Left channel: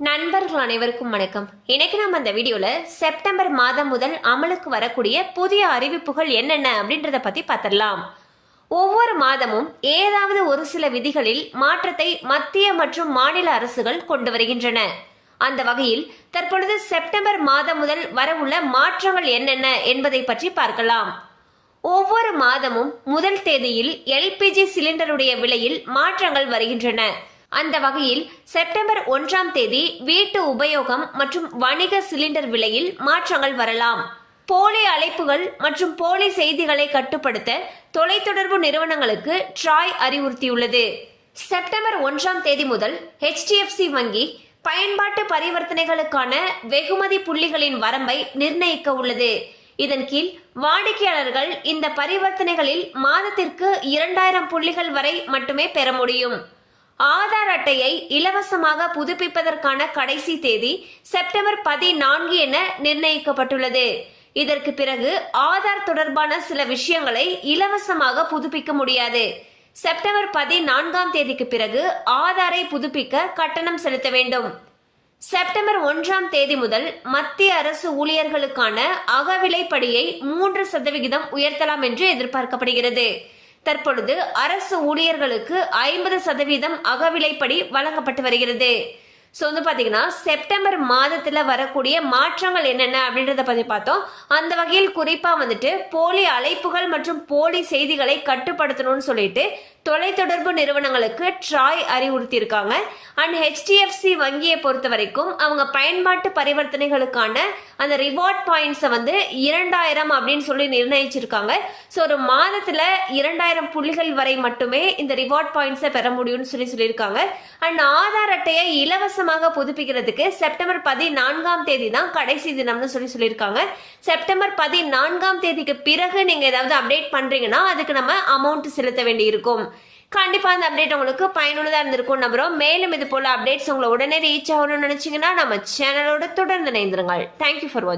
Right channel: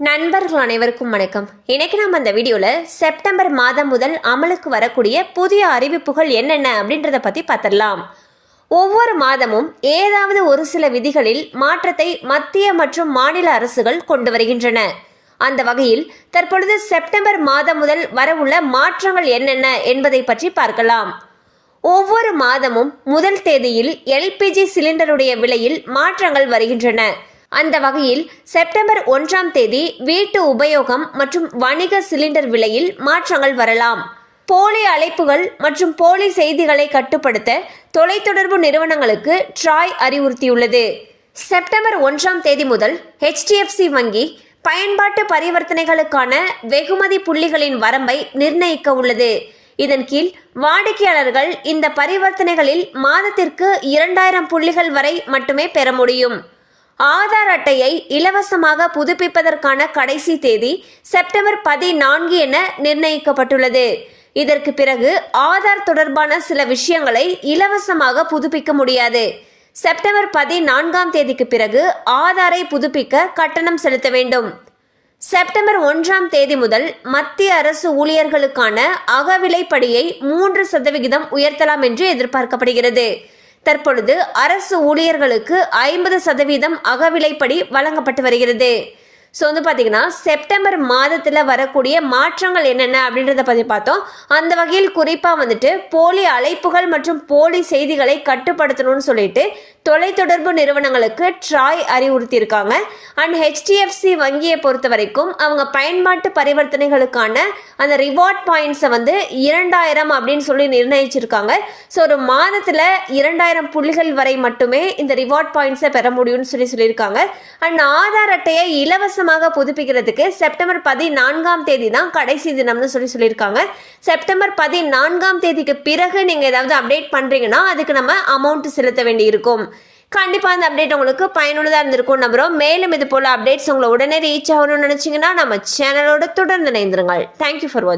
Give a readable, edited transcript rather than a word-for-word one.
நண்பர்கள் அனைவருக்கும் வணக்கம். இன்னைக்கு நம்ம இந்த வீடியோல செப்டம்பர் மாதம் முதல் அமலுக்கு வரக்கூடிய புதிய அறிவிப்புகள் என்னென்ன அப்படின்றத பத்தி பார்த்திடலாம். ஒவ்வொரு மாதமும் ஏதாவது ஒரு சில விதிகளில் மாற்றத்தை மத்திய மற்றும் மாநில அரசுகள் கொண்டு வருகின்றன. அந்த வகையில் தற்பொழுது செப்டம்பர் மாதம் முதல் வரவுள்ள மாற்றங்கள் என்னென்ன என்பதை பற்றி பார்க்கலாம். ஒவ்வொரு மாதமும் முதல் தேதியில் எல்பிஜி சிலிண்டருடைய விலையில் மாற்றங்கள் வருகின்றன. அந்த வகையில் செப்டம்பர் 1ஆம் தேதி வீட்டு உபயோகம் மற்றும் வணிக சிலிண்டர் விலையில் மாற்றங்கள் வரலாம். போலி அழைப்புகள் மற்றும் போலி செய்திகளை கட்டுப்படுத்த தொலைத்தொடர்பு நிறுவனங்களுக்கு ட்ராய் அறிவுறுத்தியுள்ளது. செப்டம்பர் 1ஆம் தேதி முதல் HDFC வங்கி பயன்பாட்டு பரிவர்த்தனைகளுக்கான வெகுமதி புள்ளிகளின் வரம்பை நிர்ணயிக்க உள்ளது. இதன் கீழ் வாடிக்கையாளர்கள் இந்த பரிவர்த்தனைகளில் மாதத்திற்கு 2000 புள்ளிகள் வரை மட்டுமே பெற முடியும். ஆதார் அட்டையை இலவசமாக புதுப்பிப்பதற்கான கடைசி தேதி செப்டம்பர் 14 என நிர்ணயிக்கப்பட்டுள்ளது. இதற்கு பிறகு ஆதார் தொடர்பான சில விஷயங்களை இலவசமாக புதுப்பிக்க முடியாது. செப்டம்பர் 14ஆம் தேதிக்கு பிறகு ஆதாரை புதுப்பிக்க கட்டணம் செலுத்த வேண்டும். செப்டம்பர் 1ஆம் தேதி முதல் மத்திய அரசு ஊழியர்களுக்கான அகவிலைப்படியை 3% உயர்த்தலாம் என்று எதிர்பார்க்கப்படுகிறது. தற்பொழுது அரசு ஊழியர்களுக்கு 50% அகவிலைப்படி வழங்கப்பட்டு வருகிறது. ஸோ பார்த்தீங்கன்னா செப்டம்பர் மாதத்தில் வரக்கூடிய மாற்றங்கள் என்னென்ன அப்படின்றத பற்றி பார்த்தோம். அந்த வகையில் குறிப்பாக போலி அழைப்புகள் மற்றும் போலி செய்திகளை கட்டுப்படுத்தணும்னு சொல்லிட்டு தொலைத்தொடர்பு நிறுவனங்களுக்கு ட்ராய் அறிவுறுத்தியிருக்காங்க. அண்ட் HDFC வங்கியை பொறுத்த வரைக்கும் அவங்க பயன்பாட்டு பரிவர்த்தனைகளுக்கான அந்த ரிவார்ட் பாயிண்ட்ஸை 2000 அப்படின்னு சொல்லி நிர்ணயிச்சிருக்காங்க. ஸோ ஒரு மாதத்தில் 2000 புள்ளிகள் வரை மட்டுமே இந்த ரிவார்ட் பாயிண்ட்ஸை பெற முடியும்னு சொல்லியிருக்காங்க. அண்ட் ஆதார் அட்டையை இலவசமாக புதுப்பிக்கிறதுக்கு செப்டம்பர் 14ஆம் தேதி தான் கடைசி தினம்னு சொல்லியிருக்காங்க. செப்டம்பர் 14ஆம் தேதிக்கு பிறகு நீங்கள் ஏதாவது அப்டேட் பண்ணுறீங்கன்னா அதுக்கு நம்ம அமௌண்ட் செலுத்த வேண்டி இருக்கும். கண்டிப்பாக அந்த அப்டேட் உங்களுக்கு பயனுள்ளதாக இருந்திருக்கும் நம்புறோம். மேலும் இது போல அப்டேட்ஸ் உங்களை உடனே ரீச் ஆகணும்னு நினைச்சீங்கன்னா நம்ம சேனலோட தொடர்ந்து இணைந்திருங்கள். தேங்க்யூ ஃபார் வாட்சிங்.